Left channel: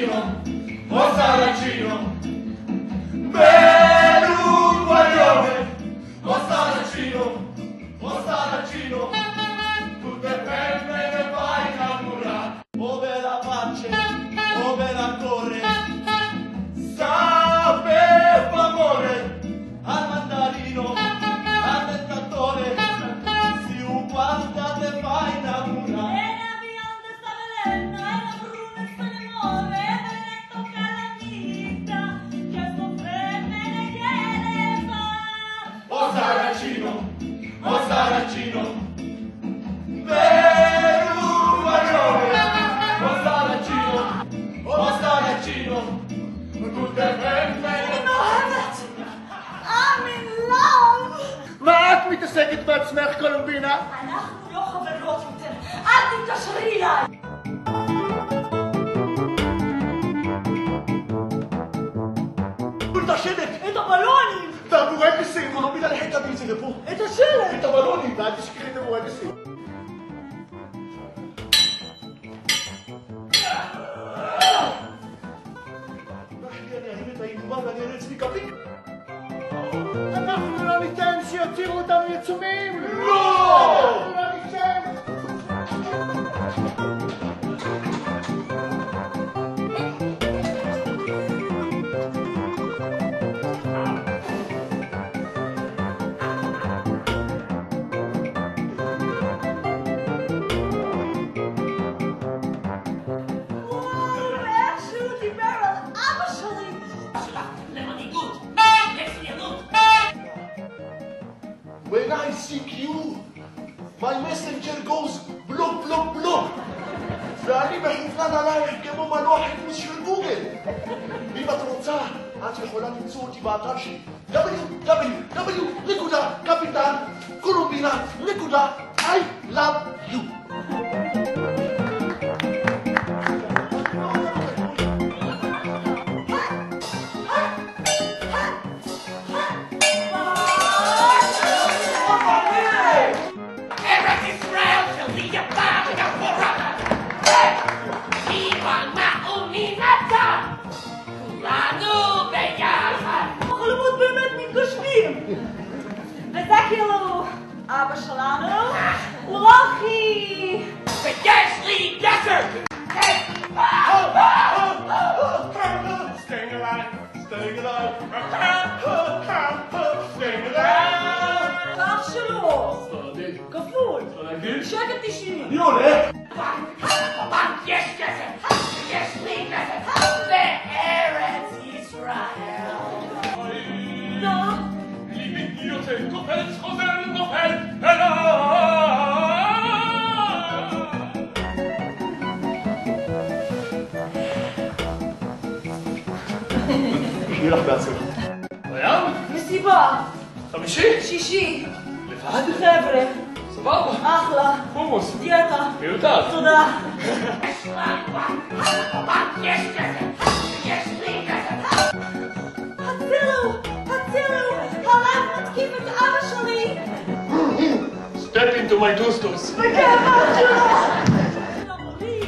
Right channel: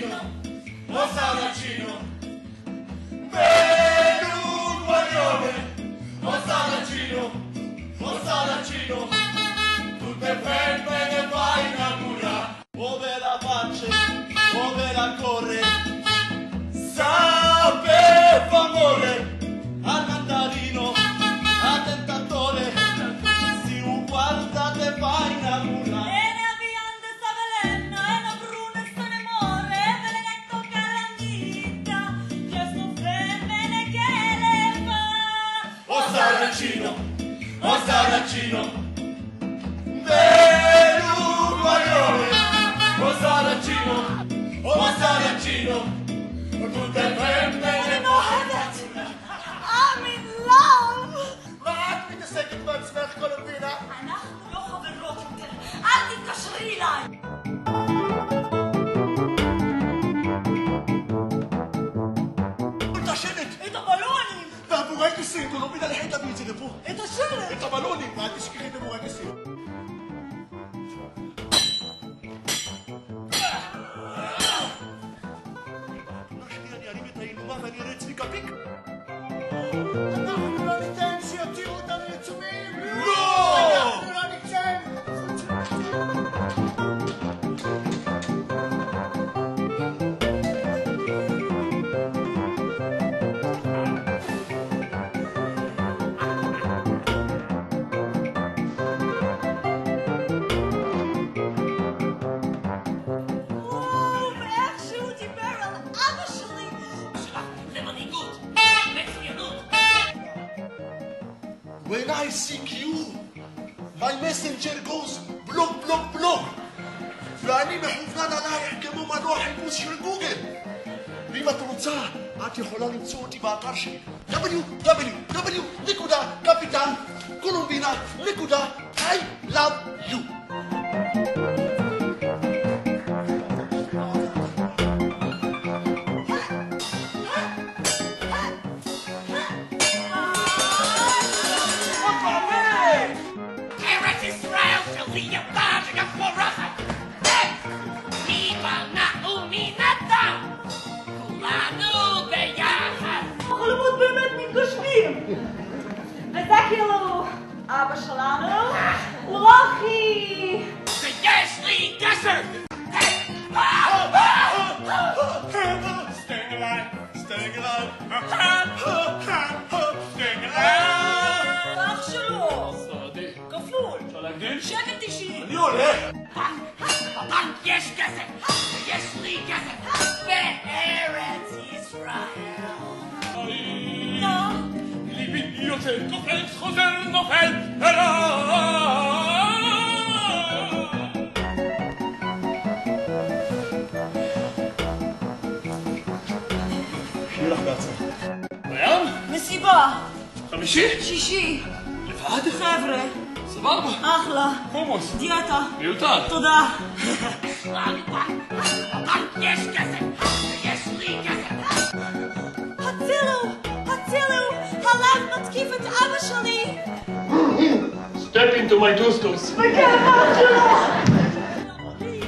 saracino, o saracino, per un guaglione, o saracino, tutte femmine fai innamorare, ove la pace, ove la corre, sapeva amore, al mandarino, al tentatore, si ugualda te fai innamorare. O saracino, per un guaglione, o saracino, tutte femmine. I'm in love! מה את מתעסקת בעצמך, קולומבינה? אנחנו לא חברות יותר, אל תתקשרי אליי! את השלט! את הבלונים! והבורקסים! קולומבינה לחית תביא את זה לפה! את השלט! את הבלונים! ואל תשכחי את הבורקסים! אנחנו לא ניתן שיותירו אותנו יצומים! לא! אנחנו לא ניתן! ואיך שהוא דיבר על אבא שלי! למנהיגות, מצוינות. When I seek you, my messenger goes בלוק בלוק בלוק ואני מכוונן עלייך כמו מנוע חיפוש של גוגל ואם את רוצה, את יכולה למצוא אותי באתר שלי www.capitan.colombiana.I.love.you ארץ ישראל שלי יפה ויפורחת. אימא נאומינתה. כולנו ביחד. החלומות באמת מתגשמים! וזה כאילו אבא שלנו, לוחי! ויש לי גזר. Staying alive, staying alive, staying alive. ואח שלו, ספרדי. כפול, ספרדי. שקל 90. יולה. יש גזר. יש לי גזר. בארץ ישראל. ליבי יוצא, קופץ, חוזר, נופל, אליי. שיהיה לך בהצלחה בים? מסיבה, חמישי? שישי, לבד? חבר'ה, סבבה. אחלה, חומוס. דיאטה, מיותר. תודה. יש גזר. יש לי גזר. הצילו, הצילו, הלב מתקיף את אבא שלי. Step into my two-stops. בגאווה שלו.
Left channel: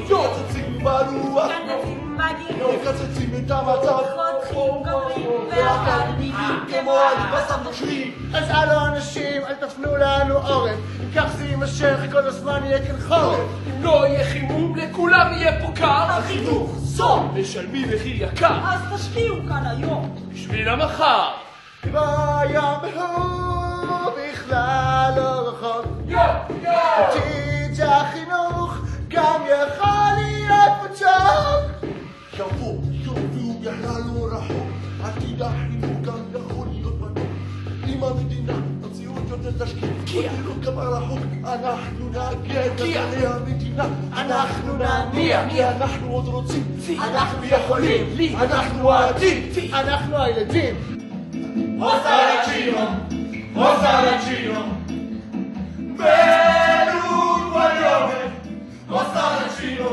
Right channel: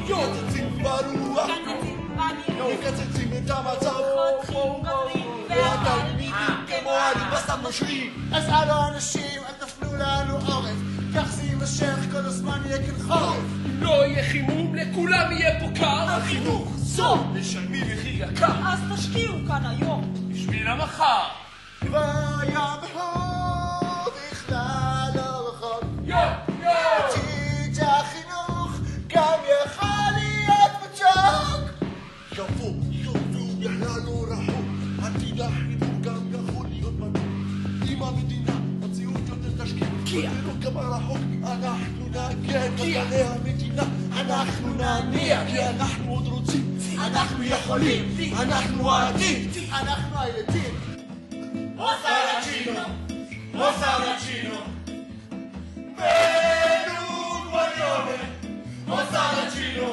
יוצצים בנו מקצצים את המצב כמו אני נושרים אז אלו אנשים אל תפנו לנו עורף כך זה יימשך כל הזמן יהיה כאן חורף לא יהיה חימום, לכולם יהיה פה קר. החינוך, זו. משלמים מחיר יקר. אז תשקיעו כאן היום. בשביל המחר. ויום הוא בכלל לא רחוק עתיד שהחינוך גם יכול להיות מוצ'וק יבוא יום בכלל לא רחוק עתיד החינוך גם יכול להיות מתוק אם המדינה המציאות יותר תשקיע לא כמה רחוק אנחנו נגיע גזרי המדינה אנחנו נניע כי אנחנו עוד רוצים אנחנו יכולים אנחנו העתיד אנחנו הילדים O saracino, per un guaglione, o saracino,